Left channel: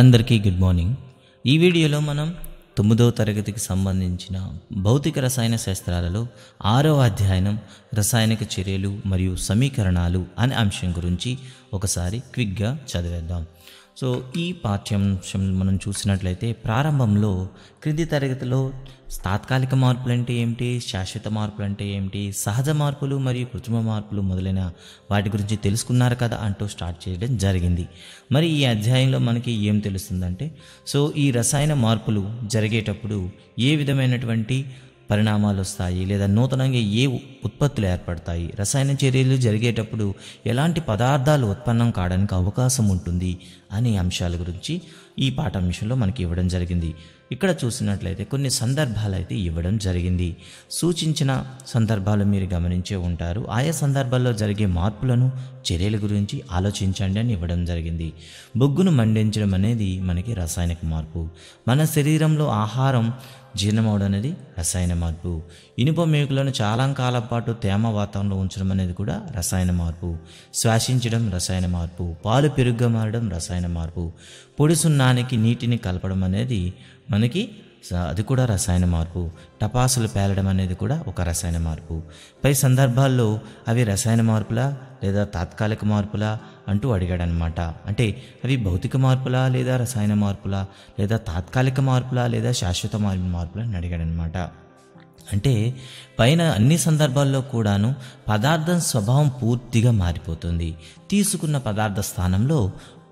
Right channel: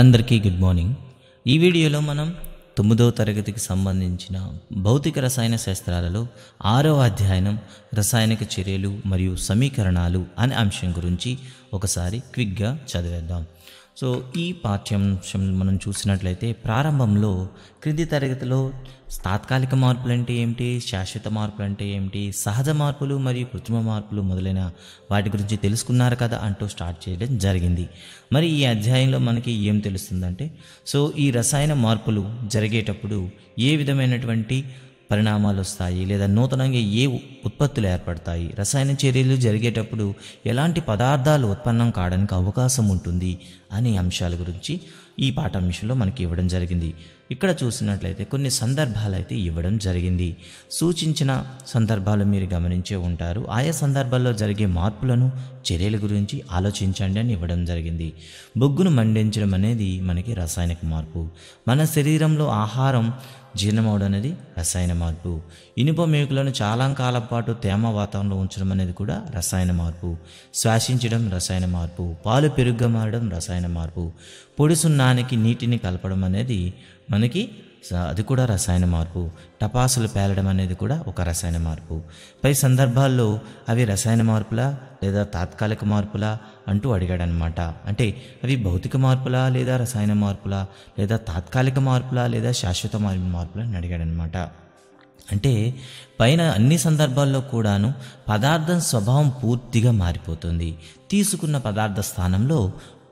అందరికీ good morning. ఈ వీడియోలో మనం 9వ తరగతికి సంబంధించిన భౌతిక రసాయన శాస్త్రాలలో 6వ అధ్యాయం రసాయనిక చర్యలు మరియు సమీకరణాలు అనే అంశం గురించి ఒకసారి క్విక్గా చదివేద్దాం. సో ఈ పాఠ్యాంశం మనం చూసినట్లయితే ప్రారంభంలో క్రింది తరగతిలో తాత్కాలిక మార్పులు అంటే ఏమిటి, శాశ్వత మార్పులు అంటే ఏమిటి, సహజ మార్పులు మరియు కృత్రిమ మార్పులు మొదలైన వాటి గురించి తెలుసుకున్నారు కదా అంటూ స్టార్ట్ చేయడం జరిగింది. మరి ఈ అధ్యాయంలో మనకి ఏం తెలుస్తుందంటే, సో ఈ రసాయన మార్పులు జరిగేటప్పుడు ఏ విధమైనటువంటి పరిణామాలు వస్తాయి లేదా నూతనంగా ఏ ఉత్పత్తులు ఏర్పడతాయి, రసాయన చర్యలు జరిగేటప్పుడు ఎలాంటి పదార్థాలు ఉత్పన్నం కావడానికి అవకాశం ఉంటుంది అనే అంశాల గురించి ఈ పాఠాంశంలో మనకి ఇవ్వడం జరిగింది. ఇక్కడ చూసినట్లయితే కొన్ని సందర్భాలు అయితే ఇవ్వడం జరిగింది. సూచించిన సందర్భాలు మీరు గమనించే ఉంటారు. ఆయా సందర్భాల్లో జరిగే మార్పులను, చర్యల గురించి ఆలోచించండి అని ఇవ్వడం జరిగింది. బొగ్గును మండించడం అనేది మనకి రసాయనిక మార్పు. మన శరీరంలో ఆహారం జీర్ణమవడం అనేది రసాయన మార్పు. ఇనుప మేకులను చాలా కాలం పాటు తేమ వాతావరణంలో ఉంచడం అనేది కూడా రసాయన మార్పు. శ్వాసించడం రసాయన మార్పు. పాలు పెరుగుగా మారడం రసాయన మార్పు. పొడి సున్నానికి నీటిని కలపడం అనేది మనకి అది కూడా రసాయన మార్పు. టపాసులు పేలడం అనేది కూడా ఒక రసాయన మార్పు. పై సందర్భాల్లో అవి రసాయన మార్పులా లేదా తాత్కాలిక మార్పులా అంటూ అడిగాడనమాట. అంటే అవి భౌతిక మార్పులా లేదా రసాయన మార్పులా లేదా తాత్కాలిక మార్పులా లేదా శాశ్వత మార్పులా అని అడిగాడనమాట. అంటే పైన అన్ని సందర్భాల్లో కూడాను పదార్థం స్వభావం పూర్తిగా మారిపోతుంది. తీసుకున్న పదార్థ స్థానంలో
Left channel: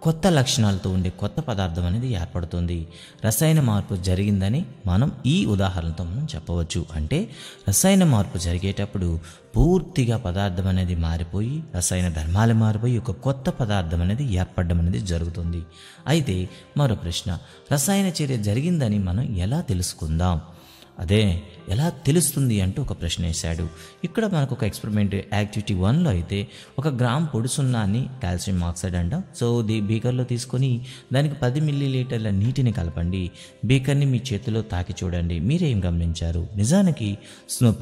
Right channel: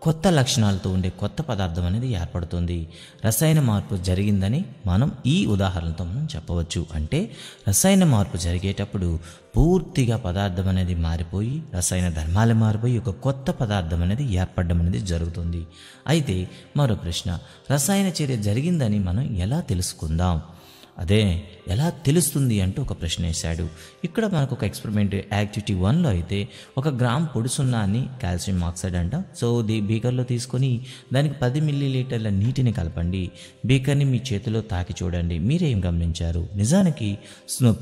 కొత్త లక్షణాలతో ఉండే కొత్త పదార్థం అనేది ఏర్పడుతుంది. రసాయన మార్పు జరిగిందని మనం ఈ ఉదాహరణతో మనం చెప్పవచ్చు. అంటే రసాయన మార్పు జరిగేటప్పుడు పూర్తిగా పదార్థం అనేది మారిపోయి రసాయన ధర్మాలు మారిపోయి ఒక కొత్త పదార్థం అనేది ఏర్పడడం అనేది జరుగుతుంది. అయితే మరో ప్రశ్న, రసాయన చర్య జరిగిందని మనం ఎలా తెలుసుకుందాం, అదే ఎలా తెలుస్తుంది అంటూ ఒక ప్రశ్న వేశాడు. ఇక్కడ మనకు ఒక ఎక్స్పెరిమెంట్ యాక్టివిటీ 1లో అయితే 1 గ్రామ్ పొడి సున్నాన్ని కాల్షియం ఆక్సైడ్ అంట. సో బీకర్లో తీసుకొని దానికి 10 మిల్లీలీటర్ల నీటిని కలపండి. బీకర్ని మీ చేతిలో తాకి చూడండి. మీరేం గమనించారు? నిజానికి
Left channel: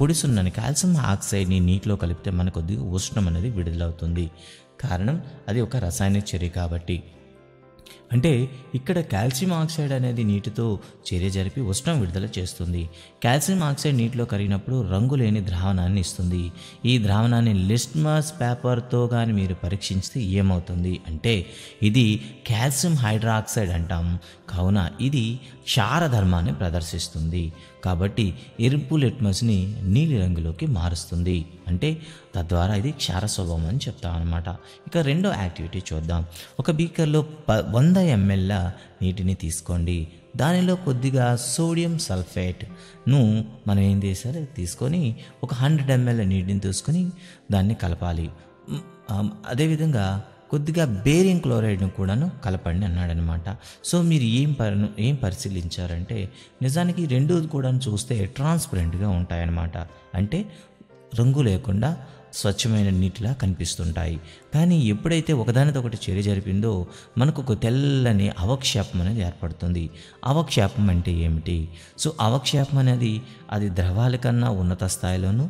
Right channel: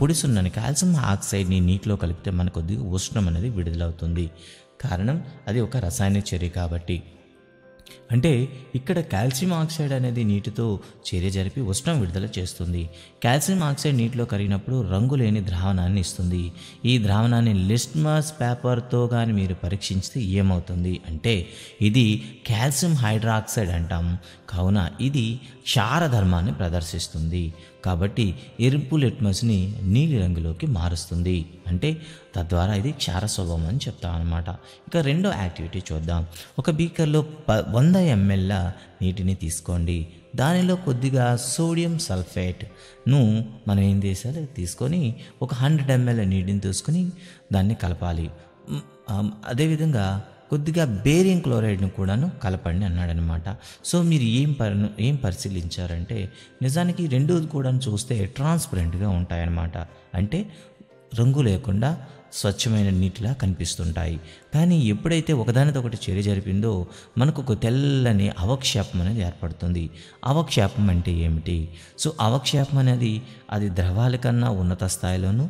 పొడి సున్నాన్ని కాల్షియం ఆక్సైడ్ని నీటిలో కలిపితే మనకు ఉష్ణం అనేది విడుదలవుతుంది. కారణం అది ఒక రసాయనిక చర్య కాబట్టి. అంటే ఇక్కడ కాల్షియం ఆక్సైడ్ అనేది నీటితో చర్య జరిపి ఉష్ణం విడుదల చేస్తుంది. కాల్షియం ఆక్సైడ్ నీటిలో కరిగినప్పుడు రంగు లేని ద్రావణాన్ని ఇస్తుంది. ఈ ద్రావణాన్ని లిట్మస్ పేపర్తో కానీ మీరు పరీక్షించితే ఏమవుతుంది అంటే ఇది కాల్షియం హైడ్రాక్సైడ్ అంటాం. కావున ఇది క్షార ధర్మాన్ని ప్రదర్శిస్తుంది. కాబట్టి ఎరుపు లిట్మస్ని నీలి రంగులోకి మారుస్తుంది. అంటే తద్వారా ఇది క్షార స్వభావం అని చెప్తాం అనమాట. ఇక రెండో యాక్టివిటీ చూద్దాం. ఒక బీకర్లో 100 ml నీటిని తీసుకోండి. దానిలో కొద్దిగా సోడియం సల్ఫేట్ను మనం ఏం చేసారు తీసుకొని ఒక 100 ml నీటిని తీసుకొని దాన్ని కలపాలి. అదేవిధంగా కొద్దిగా బేరియం క్లోరైడ్ను కూడాను కలపండి అన్నాడనమాట. సో మీరు ఏం పరిశీలించారంటే నిజానికి రెండు కూడా చూస్తే ట్రాన్స్పరెంట్గా ఉంటాయన్నమాట. అంటే రంగు లేకుండా స్వచ్ఛమైన నీటిలా కనిపిస్తుంటాయి. కానీ ఎప్పుడైతే ఒకదానితో ఒకటి చర్య జరిపిందో మనకు ఒక తెల్లని అవక్షేపం అనేది ఏర్పడుతుంది. అవక్షేపం అంటే ఏమిటి? సో అవక్షేపం అనేది అది ద్రవాల కన్నా ఉన్నత స్థాయిలోను,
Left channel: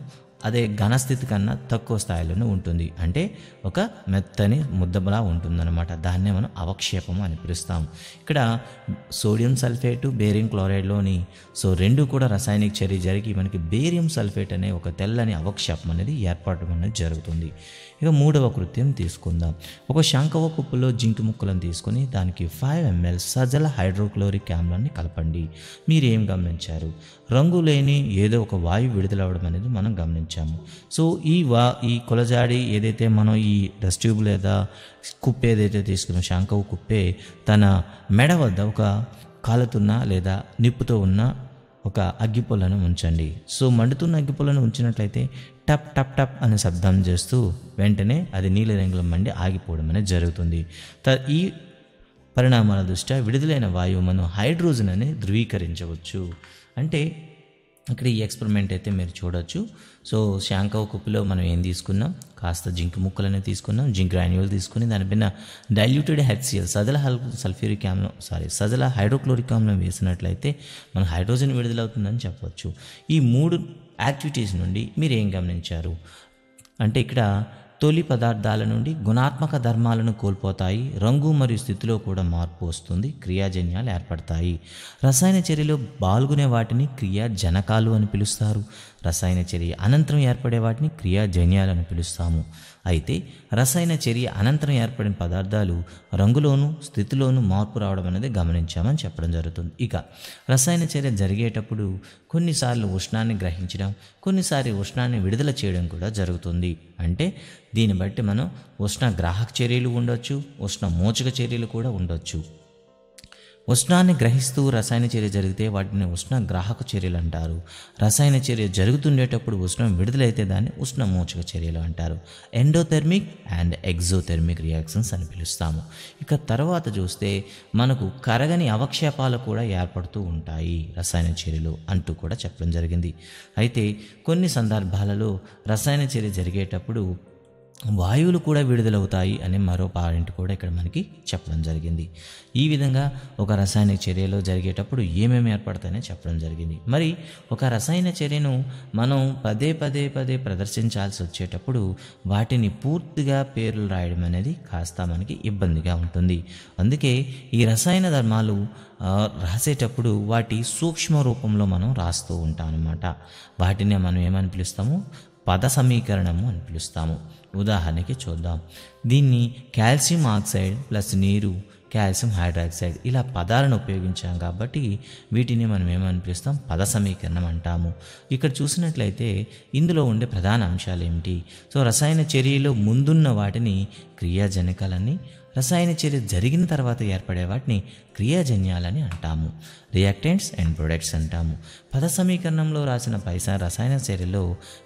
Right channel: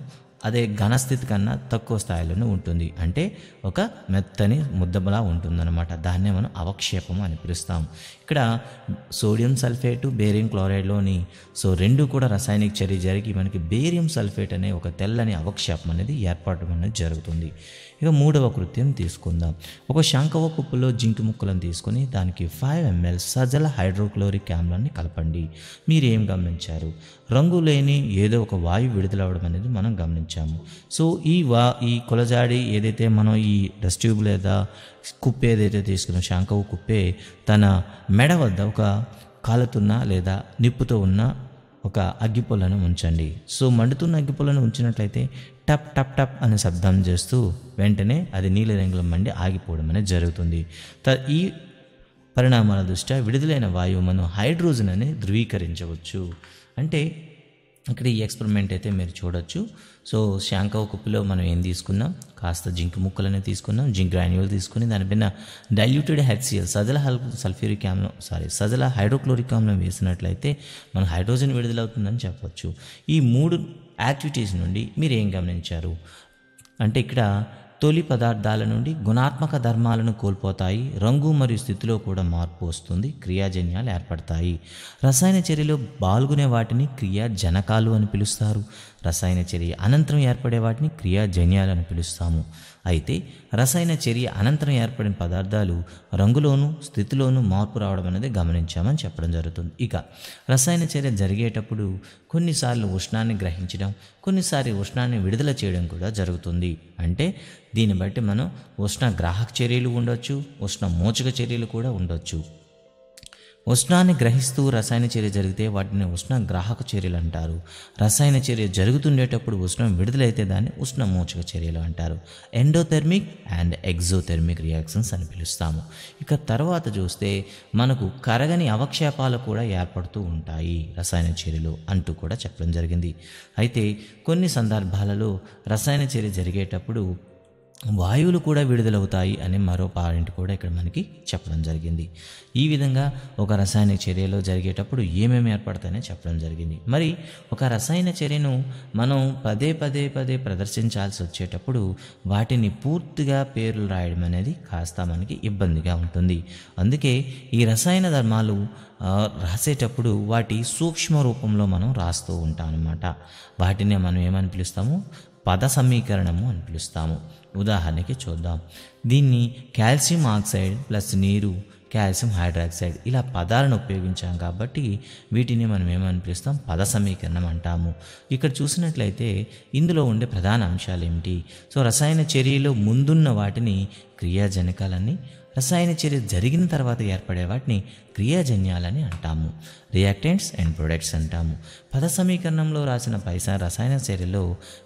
అదే ఘనస్థితి కన్నా తక్కువ స్థాయిలోనే ఉంటుంది. అంటే ఒక మెత్తని ముద్దలా ఉంటుందన్నమాట. దాన్నే మనం అవక్షేపం అని పిలుస్తాం. ఇక్కడ సోడియం సల్ఫేట్, బేరియం క్లోరైడ్లోని సో రెండు కూడా రసాయనిక చర్య జరిగి మనకి బేరియం సల్ఫేట్ అనే ఒక తెల్లని అవక్షేపం అనేది ఏర్పడడం అనేది జరుగుతుంది. ఇక మూడవ కృత్యం తీసుకుందాం. ఒక శంఖవ కుప్పలో జింక్ ముక్కలను తీసుకొని దానికి 5 ml సజల హైడ్రోక్లోరిక్ ఆమ్లాన్ని కలపండి. మీరేం గమనించారు? రంగు లేని ఏదో ఒక వాయువు విడుదలవడం అనేది మనం గమనించాము. సో ఈ కొలజాడి ఏదైతే మనం ఈ టెస్ట్ ట్యూబ్ లేదా కుప్పే ఏదైతే తీసుకున్నాం, శంఖవ కుప్పే తన మెడ వద్ద ఒక కాలుతున్న లేదా నిప్పుతో ఉన్న ఒక అగ్గిపుల్లను ఉంచండి. సో మండుతున్న అగ్గిపుల్లను ఉంచినట్లయితే టప్ టప్ టప్ అనే శబ్దం చేస్తూ వెంటనే అది నీలి రంగులో మండి ఆగిపోవడం అనేది జరుగుతుంది. ఈ పరిణామాల దృష్ట్యా విడుదలైన వాయువు మనం హైడ్రోజన్ అని ధృవీకరించవచ్చు. అంటే ఇక్కడ ఈ ఎక్స్పెరిమెంట్ అయితే మీరు చూడొచ్చు. సో శంఖవ కుప్పలో మనం ఏం తీసుకున్నాం, కాస్త జింక్ ముక్కలనే తీసుకున్నాం. జింక్ యాన్యువల్ తీసుకుని దానిపైన డైల్యూటెడ్ HCl సజల హైడ్రోక్లోరిక్ ఆమ్లం వేసినట్లయితే మన హైడ్రోజన్ విడుదలవుతుందని చెప్పొచ్చు. ఈ 3 యాక్టివిటీస్ నుండి మీరు ఏం గమనించారు అంటే ఇక్కడ తొలి పదార్థాల నుండి గుణాత్మక ధర్మాలను కోల్పోతాయి. రంగు మరియు స్థితిలో కూడా మార్పు వస్తుంది. క్రియాజన్యాలు ఏర్పడతాయి. రసాయన చర్యలో పాల్గొనే వాటిని క్రియాజనకాలు అని పిలుస్తారు. రసాయన చర్య అనంతరం ఏర్పడే వాటిని క్రియాజన్యాలు అని పిలుస్తాము. అయితే రసాయన చర్య అనంతరం ఏర్పడిన పదార్థాలు రంగులోను స్థితిలోను మార్పు రావడం అనేది గమనించామని చెప్పడం జరుగుతుంది. ఇక రసాయన చర్య జరిగేటప్పుడు కొన్నిసార్లు ఉష్ణాన్ని గ్రహించడం, కొన్నిసార్లు ఉష్ణాన్ని విడుదల చేయడం కూడా జరుగుతుంది. అంటే దీన్ని బట్టి మనం ఉష్ణ గ్రాహక చర్యలు ఉండొచ్చు, ఉష్ణ మోచక చర్యలు కూడా ఉండొచ్చు. ఉష్ణాన్ని గ్రహిస్తూ రసాయన చర్య జరిగితే వాటిని ఉష్ణ గ్రాహక చర్యలు అంటారు. రసాయన చర్య జరుగుతుండేటప్పుడు ఉష్ణం విడుదలైతే దాన్ని ఉష్ణ మోచక చర్యలు అంటారు. ఎండోథెర్మిక్ అండ్ ఎగ్జోథెర్మిక్ రియాక్షన్స్ అని పిలుస్తాము. ఇక తర్వాత చూస్తే మనకు కరగని అవక్షేపాలు కూడా ఏర్పడుతూ ఉంటాయి రసాయన చర్యలో అంటూ కూడా చెప్పడం జరిగింది. అయితే కొన్ని సందర్భాలలో రసాయన చర్య జరిగేటప్పుడు వాయువులు కూడా విడుదలవుతాయి అని మరో పాయింట్ కూడా ఇక్కడ మనకి చెప్పడం జరిగింది. ఈ విధంగా ఒక రసాయన చర్యలో జరిగేటప్పుడు ఏమేమి ఏర్పడతాయని చెప్పడం జరిగింది. మరి ఒక రసాయన చర్యను మనం పదే ప్రదర్శించాల్సి వచ్చేటప్పుడు వాటిని పూర్తిగా పేర్లు రాయడం అనేది కాస్త మనకి ఇబ్బందిగా ఉంటుంది. అందుకే ఈ రసాయన ధర్మాలు రాసేటప్పుడు వాటి సూక్ష్మ రూపంలో మనం రాస్తూ ఉంటాం అన్నమాట. వాటిని మనం ఏమని పిలుస్తాము? పద సమీకరణము అని పిలుస్తాము. ఉదాహరణకి చూద్దాం. దీన్ని కాల్షియం ఆక్సైడ్ ప్లస్ నీరు, కాల్షియం హైడ్రాక్సైడ్ ఇలా పదాలను ఉపయోగించాం కాబట్టి వీటిని మనం ఏమని పిలుస్తాం? పద సమీకరణం అంటాము. ఇక్కడ చూసినట్లయితే ఇందులో ఉండే ప్రధాన అంశాలు ఏమిటి? సో రసాయన చర్యలో ముందున్న వాటిని క్రియాజనకాలని, రసాయన చర్య జరిగిన తర్వాత ఏర్పడే వాటిని క్రియాజన్యాలని అంటాము. రియాక్టెంట్స్ అండ్ ప్రొడక్ట్స్ అంటాము. పద సమీకరణంలో రాసిన రసాయన చర్యలో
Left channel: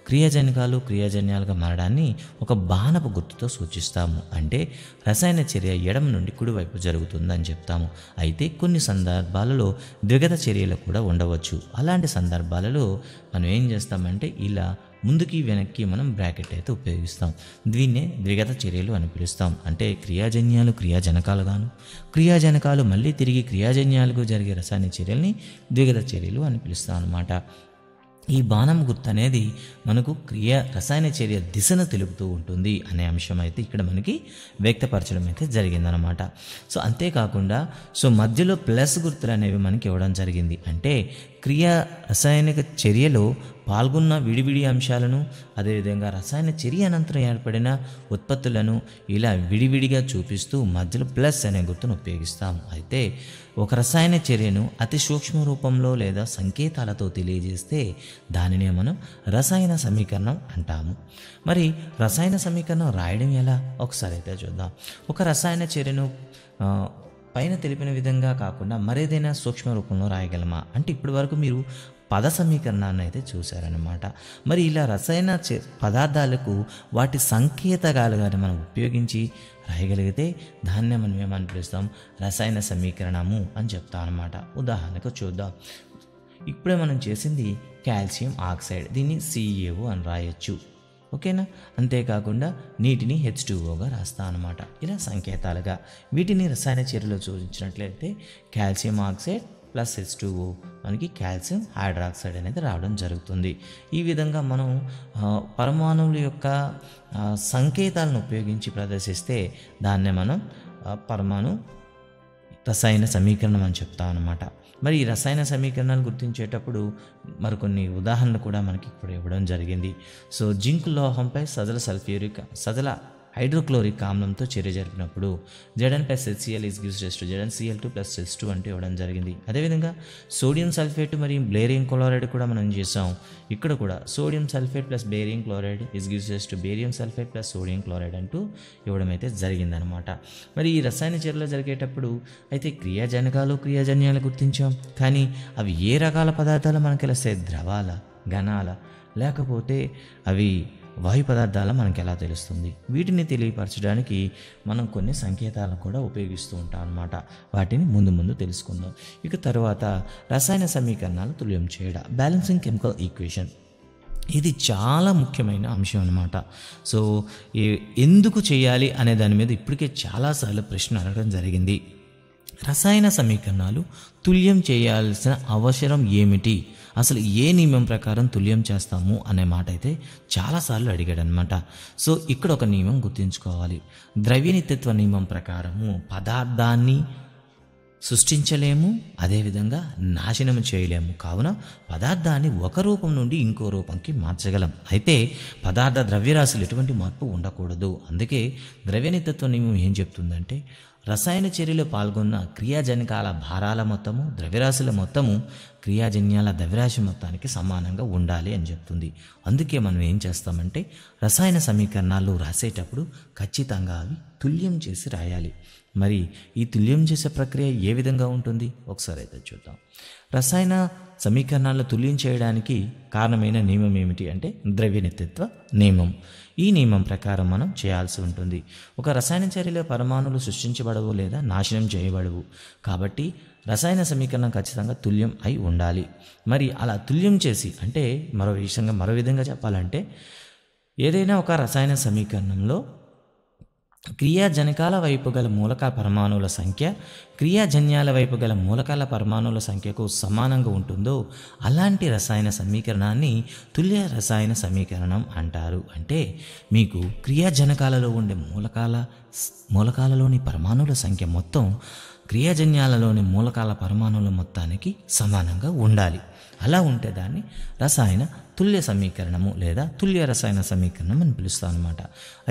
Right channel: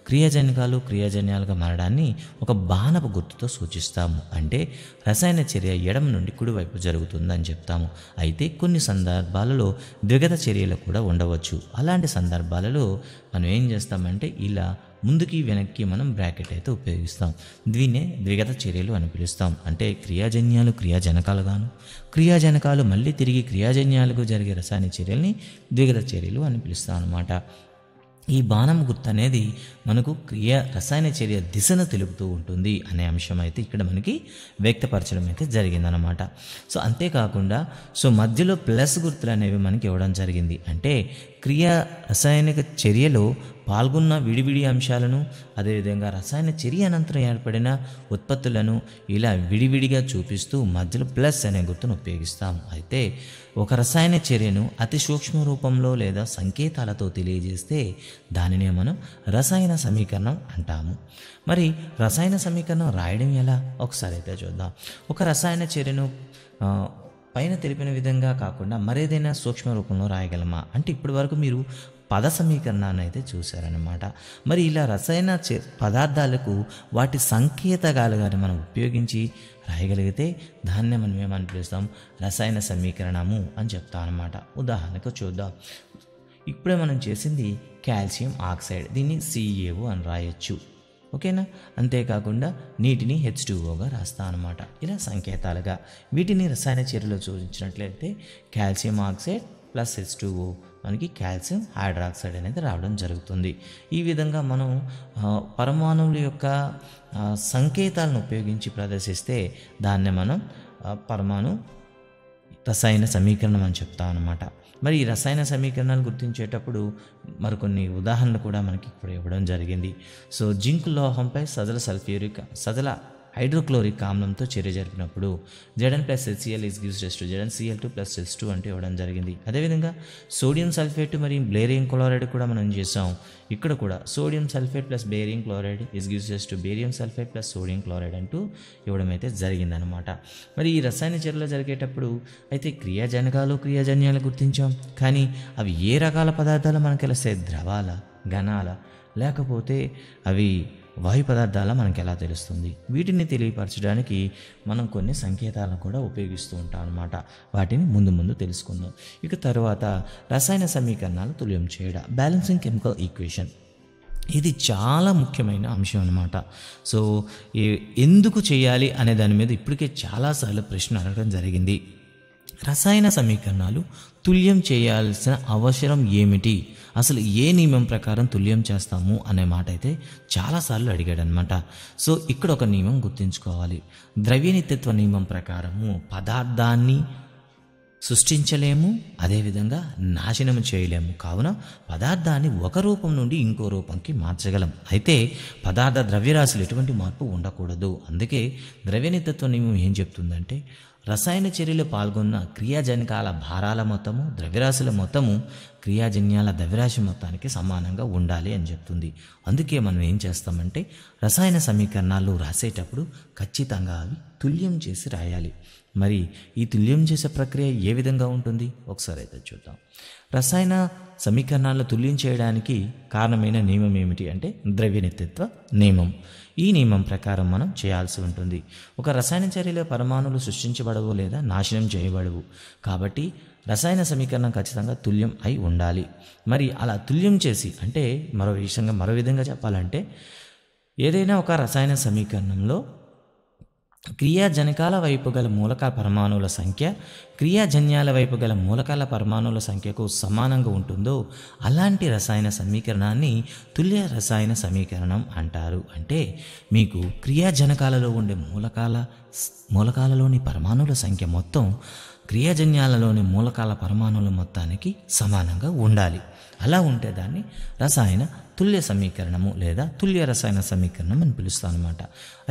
క్రియాజన్యాలుగా మారడాన్ని ఒక బాణపు గుర్తుతో సూచిస్తాము. అంటే రసాయన చర్య ఎడమ నుండి కుడివైపు జరుగుతుందని చెప్తాము. అయితే కొన్ని సందర్భాలలో ద్విగత చర్యలు కూడా ఉండవచ్చు. అలాంటి సందర్భాలలో మనం ఏం చేస్తామంటే ఇలా ముందుకి వెనక్కి మనం బ్రాకెట్ అయితే ఉపయోగిస్తాం. దీన్నే ద్విగత చర్యలు అని పిలుస్తాం. అంటే క్రియాజన్యాలు క్రియాజనకాలుగాను, క్రియాజనకాలు మళ్ళీ తిరిగి క్రియాజన్యాలకు జరిగే రసాయన చర్యల్ని ద్విగత చర్యలు అని పిలుస్తాం అన్నమాట. ఈ బాణం గుర్తు అనేది మనకు రసాయన చర్య దిశను తెలుపుతూ ఉంటుంది అనే అంశం అయితే ఇక్కడ మనకి వ్యక్తపరచడం అయితే జరిగిందనమాట. సో అంతేకాకుండా మధ్యలో ప్లస్ గుర్తులు అనేవి మనకి ఇవ్వడం జరిగింది. అంటే రసాయనిక చర్యలో పాల్గొన్న విడివిడి అంశాలను, అదేవిధంగా రసాయన చర్య అనంతరం ఏర్పడిన ఉత్పత్తులను ఇలా విడివిడిగా చూపిస్తూ మధ్యలో ప్లస్ అనే గుర్తును ఉపయోగిస్తాం. అయితే ఒక రసాయన చర్యను అతి సూక్ష్మ రూపంలో లేదా సంకేతాలతో తెలియజేస్తే దానినే మనం రసాయన సమీకరణం అంటాము. మరి రసాయన సమీకరణం రాయడం ఎలా ఒకసారి అయితే చూద్దాం. ఒక రసాయన చర్యను పైన తెలిపిన విధంగా కాకుండా మరేదైనా సూక్ష్మ రూపంలో రాయగలమా అంటే ఇప్పటి వరకు మీరు పద సమీకరణాన్ని అయితే చూశారనమాట. మరి ఇలా రసాయన పదార్థాలకు వాటి సంకేతగాలుగా మనం ఉపయోగించి రాయగలిగితే దాన్నే మనం ఏమని పిలుస్తాం? రసాయన సమీకరణము అని చెప్తాం అనమాట. ఉదాహరణకు చూద్దాం. ఇప్పుడే మనం చేసింది కాల్షియం ఆక్సైడ్, దీన్ని CaO అని రాయొచ్చు. ఓకేనా? అంతేకాకుండా నీటిని H2Oగా రాస్తా అనమాట. ఇలా సంకేతాలుగా వీటిని రసాయన చర్యలో చూపించినట్లయితే కాల్షియం ఆక్సైడ్ ప్లస్ H2O మనకి కాల్షియం హైడ్రాక్సైడ్ అనేది రావడం జరుగుతుంది. ఈ విధంగా మనం పరమాణువుల యొక్క సంకేతాలను ఉపయోగించి ప్రదర్శిస్తే దాన్నే మనం పరమాణు రసాయన సమీకరణం అని చెప్తాం అన్నమాట. మరి ఈ రసాయన సమీకరణాలు గుర్తించేటప్పుడు మరికొన్ని ఉదాహరణలు కూడా మనకి ఇప్పుడు ఇవ్వడం జరిగింది. జింక్ లోహంపై సజల హైడ్రోక్లోరిక్ ఆమ్లంతో చర్య జరిపినప్పుడు Zn + HCl ZnCl2 + H2 అంటే ఇవ్వడం జరిగింది. అదేవిధంగా సోడియం సల్ఫేట్ మరియు బేరియం క్లోరైడ్ కూడా మనం చేసాం. ఇక్కడ కూడా sodium sulphate plus barium chloride barium sulphate plus sodium chloride అంటూ ఇవ్వడం అయితే జరిగిందనమాట. మరి ఈ రసాయన చర్యలు జరిగేటప్పుడు అయితే క్రియాజన్యాలు గుర్తించాం. కానీ అవి ఏ రకాల పదార్థాలు మనకు తెలుస్తాయి? ద్రవాల, ఘనాల, లేకపోతే అవి వాయు పదార్థాలు మనకి ఎలా తెలుస్తుంది? వీటిని తెలియపరచడానికి మనం కొన్ని సంకేతాలను కూడా ఉపయోగిస్తూ ఉంటాం అన్నమాట. వాటిని ముందు తెలుసుకుందాం. ఇక తర్వాత రసాయన సమీకరణాన్ని తుల్యం చేయడం, బ్యాలెన్సింగ్ కెమికల్ ఈక్వేషన్. ఇది చాలా ముఖ్యమైన అంశం అన్నమాట. ఎందుకు చేయాలి అనే దాని మీద ఇప్పటికే చాలాసార్లు ప్రశ్న అడగడం జరిగింది. రసాయన సమీకరణాలు తుల్యం చేయాల్సిన అవసరం ఏమిటి, అసలు ఏ నియమం ప్రకారం తుల్యం చేస్తాము అనే మాట అయితే చాలాసార్లు అడిగాడు అనమాట. సో ఇక్కడ ఒక నియమం గుర్తుంచుకోవాలి. ద్రవ్యనిత్యత్వ నియమం ప్రకారము పదార్థాన్ని సృష్టించలేము, అదేవిధంగా నాశనం చేయలేము. కావున పదార్థాన్ని ఒక రూపం నుండి ఇంకో రూపంకి మార్చగలం. అయితే పదార్థ ద్రవ్యరాశులు ఎటువంటి మార్పు ఉండకూడదు. అందుకే ద్రవ్యనిత్యత్వ నియమం ఏం చెప్తుందంటే రసాయన చర్యలో పాల్గొన్న క్రియాజనకాల భారాల మొత్తము ద్రవ్యరాశుల మొత్తము క్రియాజన్యాల ద్రవ్యరాశి మొత్తానికి సమానంగా ఉండాలి అని చెప్తుంది. అందుకే మనం ఏం చేస్తామంటే రసాయన సమీకరణాలు రాసేటప్పుడు ఖచ్చితంగా అవి తుల్యం చేసి రాయాలి. మరి ఈ తుల్యం చేసే ప్రక్రియ ఏ విధంగా ఉంటుంది ఒకసారి అయితే చూద్దాం. రసాయన సమీకరణాలను తుల్యం చేయడానికి కారణమైన నియమం ఏమిటి అంటే ద్రవ్యనిత్యత్వ నియమం. ఈ నియమం ప్రకారం మనం చేయాల్సి ఉంటుంది. ఒక రసాయన చర్యలో పరమాణువులు సృష్టించబడవు లేదా నాశనం చేయబడవు. కాబట్టి రసాయన సమీకరణం ఖచ్చితంగా తుల్యం అయి ఉండాలి. మరి అలా తుల్యం చేసి అంటే మరో విధంగా చెప్పాలంటే ఏదైనా ఒక రసాయన సమీకరణంలో క్రియాజనకాల వైపు గల మూలకాల పరమాణువుల సంఖ్య క్రియాజన్యాల వైపు గల మూలకాల పరమాణువుల సంఖ్యకు సమానంగా ఉంటుందో అలాంటి రసాయన సమీకరణాన్ని తుల్య రసాయన సమీకరణం అంటారు. అంటే మీకు క్రియాజనకాలలో ఉండే మూలకాలలోని పరమాణువుల సంఖ్య మొత్తం క్రియాజన్యాలలోని మూలకాల పరమాణువుల మొత్తానికి సమానంగా ఉండాలి. అలా ఉంటే దాన్ని రసాయన తుల్య సమీకరణము లేదా తుల్య రసాయన సమీకరణం అని పిలుస్తాం అన్నమాట.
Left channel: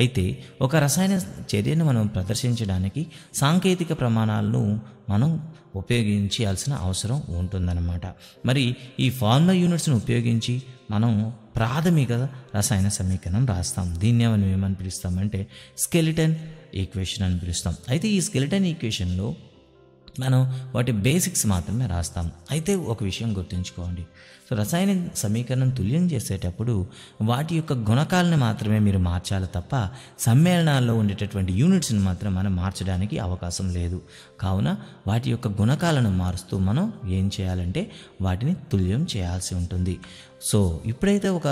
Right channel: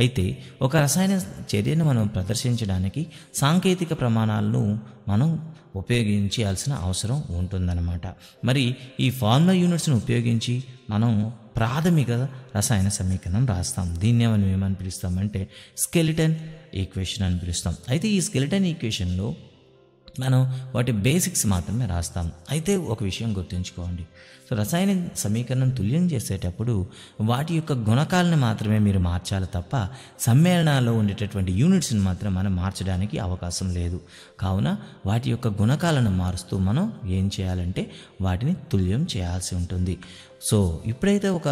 అయితే ఒక రసాయన చర్యను మనం ప్రదర్శించడానికి సాంకేతిక ప్రమాణాలను మనం ఉపయోగించాల్సిన అవసరం ఉంటుందన్నమాట. మరి ఈ ఫార్ములా యూనిట్స్ను ఉపయోగించి మనం ప్రాథమిక రసాయన సమీకరణం రాస్తాం. దీన్ని మనం ఏమని పిలుస్తామంటే స్కెలిటన్ ఈక్వేషన్ అని పిలుస్తాం. అయితే ఈ స్కెలిటన్ ఈక్వేషన్లో మనం వాటి బేసిక్స్ మాత్రమే రాస్తాం. అయితే ఒక విషయం గుర్తుంచుకోండి, సో రసాయన సమీకరణం తుల్యం చేసేటప్పుడు వాటి యొక్క గుణకాలను మాత్రమే మీరు మార్చాలి తప్ప సమ్మేళనాల్లో ఉండేటటువంటి యూనిట్స్ని మాత్రం మనం మార్చడానికి అవకాశం లేదు. కావున వాటి యొక్క గుణకాలను మారుస్తూ మనం ఏం చేయాలంటే వాటిని తుల్యం చేయాల్సి ఉంటుంది. సో ఇప్పుడైతే ఒక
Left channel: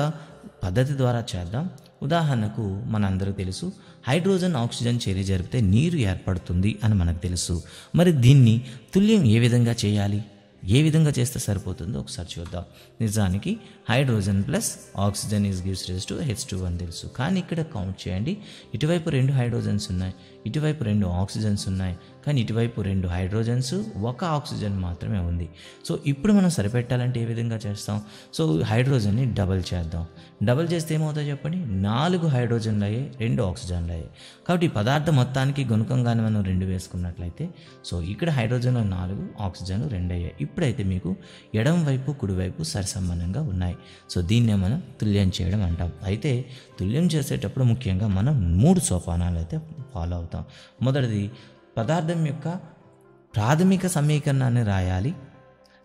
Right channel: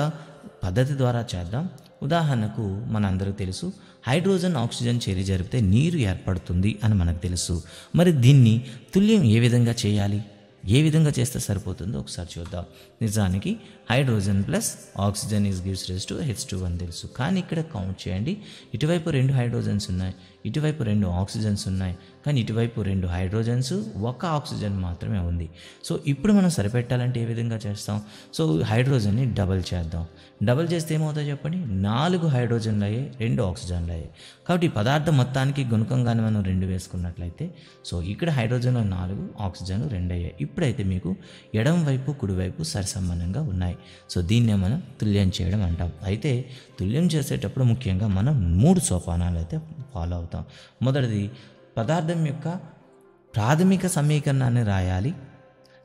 పద్ధతి ద్వారా చేద్దాం. ఉదాహరణకు మనందరికీ తెలుసు హైడ్రోజన్ ఆక్సిజన్ చర్య జరిపితే నీరు ఏర్పడుతుంది అని మనకు తెలుసు. మరి దీన్ని తుల్యం ఏ విధంగా చేయాలి, ఏ విధంగా చేస్తే సరిపోతుందో ఒకసారి చూద్దాం. నిజానికి hydrogen plus oxygen gives rise to H2 అని తెలుసు. కానీ ఇక్కడ కౌంట్ చేయండి, ఇటువైపు 2 హైడ్రోజన్స్ ఉన్నాయి, ఇటువైపు 2 ఆక్సిజన్స్ ఉన్నాయి. కానీ ఇటువైపు 2 హైడ్రోజన్స్ 1 ఆక్సిజన్ మాత్రమే ఉంది. సో ఇప్పుడు మనం సరిపెట్టాలంటే ఏ విధంగా చేస్తాం? సో హైడ్రోజన్ని డబల్ చేద్దాం. డబల్ చేస్తే ఏమవుతుందో చెప్పండి, 4 హైడ్రోజన్లు అయ్యాయి, 2 ఆక్సిజన్లు అయ్యాయి. కాబట్టి ఈ పదార్థం మొత్తానికి గుణకంగానే మనం 2 వేసుకున్నట్లయితే సో ఇక్కడ హైడ్రోజన్లు 4, ఆక్సిజన్ 2 అయ్యాయి. ఇప్పుడైతే మీకు ఎడమ వైపు కుడివైపు సరిసమానంగా ఉన్నాయి. సో దీన్నే మనం తుల్యం చేయడం అంటాం. అయితే తుల్యం చేసేటప్పుడు ముఖ్యంగా మనం 3 సోపానాలు అయితే ఫాలో అవుతాం. మొదటిది పదార్థం యొక్క ప్రాథమిక సమీకరణాన్ని రాయాలి.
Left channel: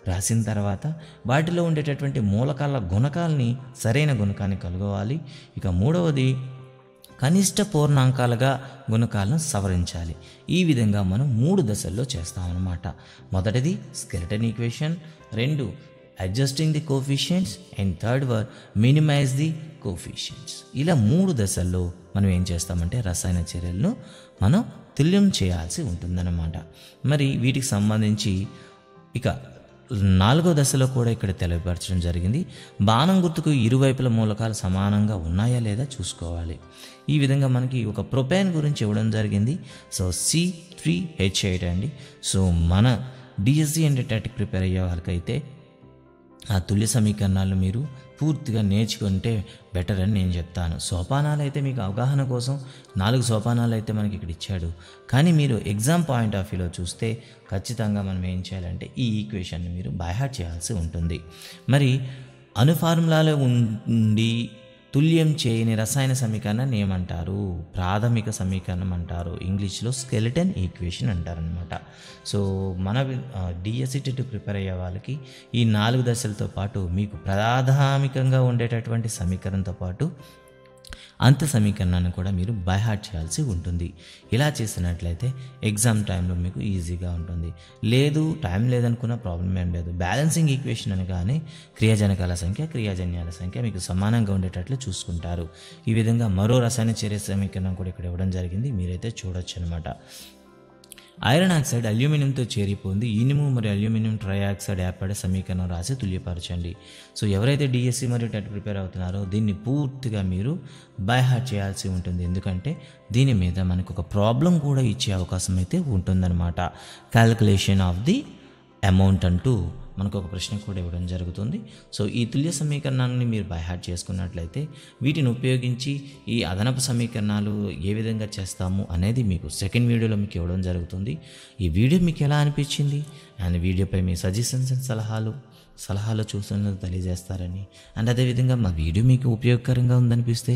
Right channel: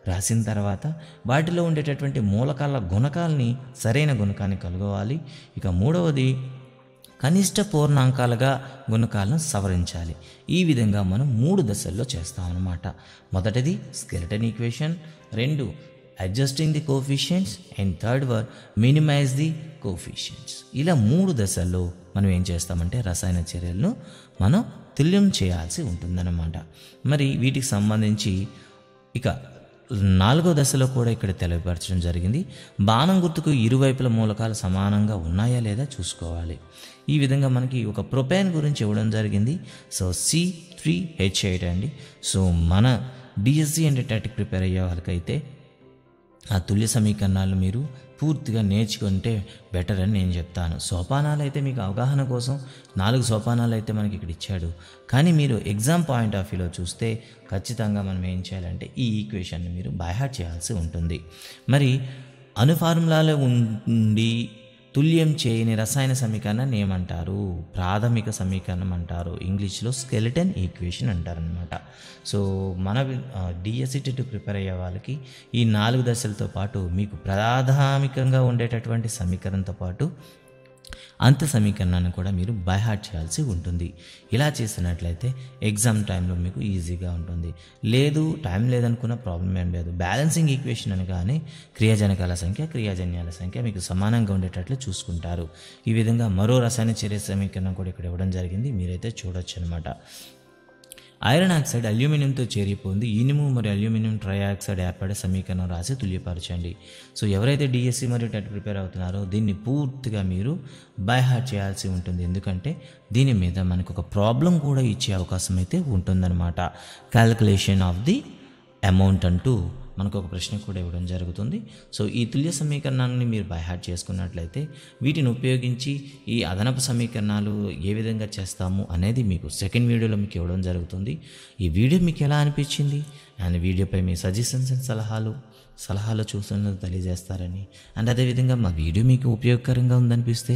రాసిన తర్వాత వాటిలో ఉండేటటువంటి మూలకాల గుణకాలని సరైన గుణకాన్ని కలుగవాలి. ఇక మూడవది కనిష్ట పూర్ణాంకాలుగా గుణకాలను సవరించాలి. ఈ విధంగా మనం 3 దశల్లో చేస్తాం అన్నమాట. మొదటిది skeleton equation, 2 adjusting the coefficients and third one minimise the coefficients. ఇలా 3 దశల్లో మనం ఏం చేస్తామంటే రసాయన చర్యలను మనం తుల్యం చేయాల్సి ఉంటుందన్నమాట. మరి వీటికి సంబంధించి ఇక 4వ దశలో కూడా ఇక్కడ తెలియపరచడం జరిగింది. బాణం గుర్తుకు ఇరువైపుల మూలకాలు సమానంగా ఉన్నాయా లేదా చూసుకోవాలి. ఈ విధంగా మనకి ఒక ప్రొపేన్ గురించి ఇవ్వడం జరిగింది. సో C3H8 అండి. సో మన డిఎస్సి అండ్ టెట్ ప్రిపేర్ అయ్యే వాళ్ళకైతే ఆ తుల్య సమీకరణాలు మీరు పూర్తిగా నేర్చుకుంటే బెటర్ అని నేను చెప్తాను. సోపానాలు అయితే మీకు అవగాహన కోసం 4 సోపానాలు అయితే మనకి ఇక్కడ ఇచ్చాడు. కానీ మీరు ఎగ్జామ్ పాయింట్ ఆఫ్ వ్యూలో చూస్తే ఖచ్చితంగా మనం ఏం చేయాలంటే ఈ ఈక్వేషన్ని మీరు బైహార్ట్ చేయాల్సి ఉంటుంది. మరి అణు ఫార్ములాలో ఉండి తుల్యం చేయని రసాయన సమీకరణాన్ని ఏమంటారు? ప్రాథమిక సమీకరణం అంటారు. ఇంగ్లీష్లో స్కెలిటన్ ఈక్వేషన్ అంటారు అనమాట. సో మన డిఎస్సి టెట్ ప్రిపేర్ అయ్యే వాళ్ళకి ఈ 4 దశలతో పాటు మీకు ప్రాథమికంగా ఉండేటటువంటి సమీకరణంతో పాటు అంత సమీకరణాన్ని కూడా మీరు బైహార్ట్ చేయాల్సి ఉంటుంది. ఇలా చేసినట్లయితే ఎగ్జామ్ టైంలో మీకు ఈజీగా ఉంటుంది. లేదు టైం లేదనుకున్న ప్రాబ్లం ఏం లేదు. బ్యాలెన్సింగ్ ఈక్వేషన్ అని కానీ క్రియాజనకాల సంఖ్య క్రియాజన్యాల సంఖ్య మీకు సమానంగా ఉండేటట్లు చూసుకుంటారు. ఈ విధంగా మరో రసాయన చర్య సమీకరణం కూడా ఇక్కడ ఇవ్వడం జరిగింది, మీరైతే చూడొచ్చు అనమాట. ఐరన్ ఆక్సైడ్ అల్యూమినియంతో చేరిపోయింది. ఇనుము మరియు అల్యూమినియం ట్రైఆక్సైడ్ ఏర్పడే సమీకరణం రాసి తుల్యపరచండి. సో ఎవరైతే డిఎస్సి మరియు టెట్ ప్రిపేర్ అవుతున్నారో దీన్ని పూర్తిగా మీరు బై హార్ట్ చేయాల్సి ఉంటుంది. ఎందుకంటే దీని మీద మనకు ఒక ప్రాబ్లం కూడా ఇచ్చే అవకాశం అయితే ఉంటుందన్నమాట. క్యాల్కులేషన్ ఆఫ్ ది అమౌంట్ అంటూ మనకు ఒక ప్రశ్న కూడా ఇవ్వడం జరుగుతుంది. సో ఈ తుల్య సమీకరణాన్ని మీరు బై హార్ట్ చేసుకున్నట్లయితే వీటిని ఉపయోగించి ఈ అదనపు సమీకరణాలు ఏ విధంగా చేస్తాము అనేది మీకు సెకండ్ వీడియోలో మీకు ఇవ్వడం జరుగుతుంది. ఈ వీడియో మీకు ఎలా అనిపించింది అండ్ వీడియోపై మీ సజెషన్స్ అండ్ సలహాల సూచనలు తెలియజేస్తారని అండ్ అదేవిధంగా మా వీడియో మీకు ఉపయోగకరంగా ఉందనిపిస్తే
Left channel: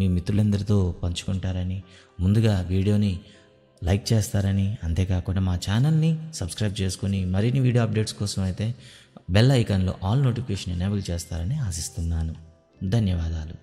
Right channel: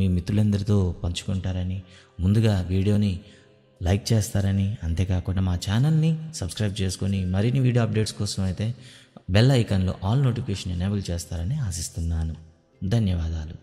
మీ మిత్రులందరితో పంచుకుంటారని, ముందుగా వీడియోని లైక్ చేస్తారని, అంతేకాకుండా మా ఛానల్ని సబ్స్క్రైబ్ చేసుకొని మరిన్ని వీడియో అప్డేట్స్ కోసం అయితే బెల్ ఐకాన్లో ఆల్ నోటిఫికేషన్ ఎనేబుల్ చేస్తారని ఆశిస్తున్నాను. ధన్యవాదాలు.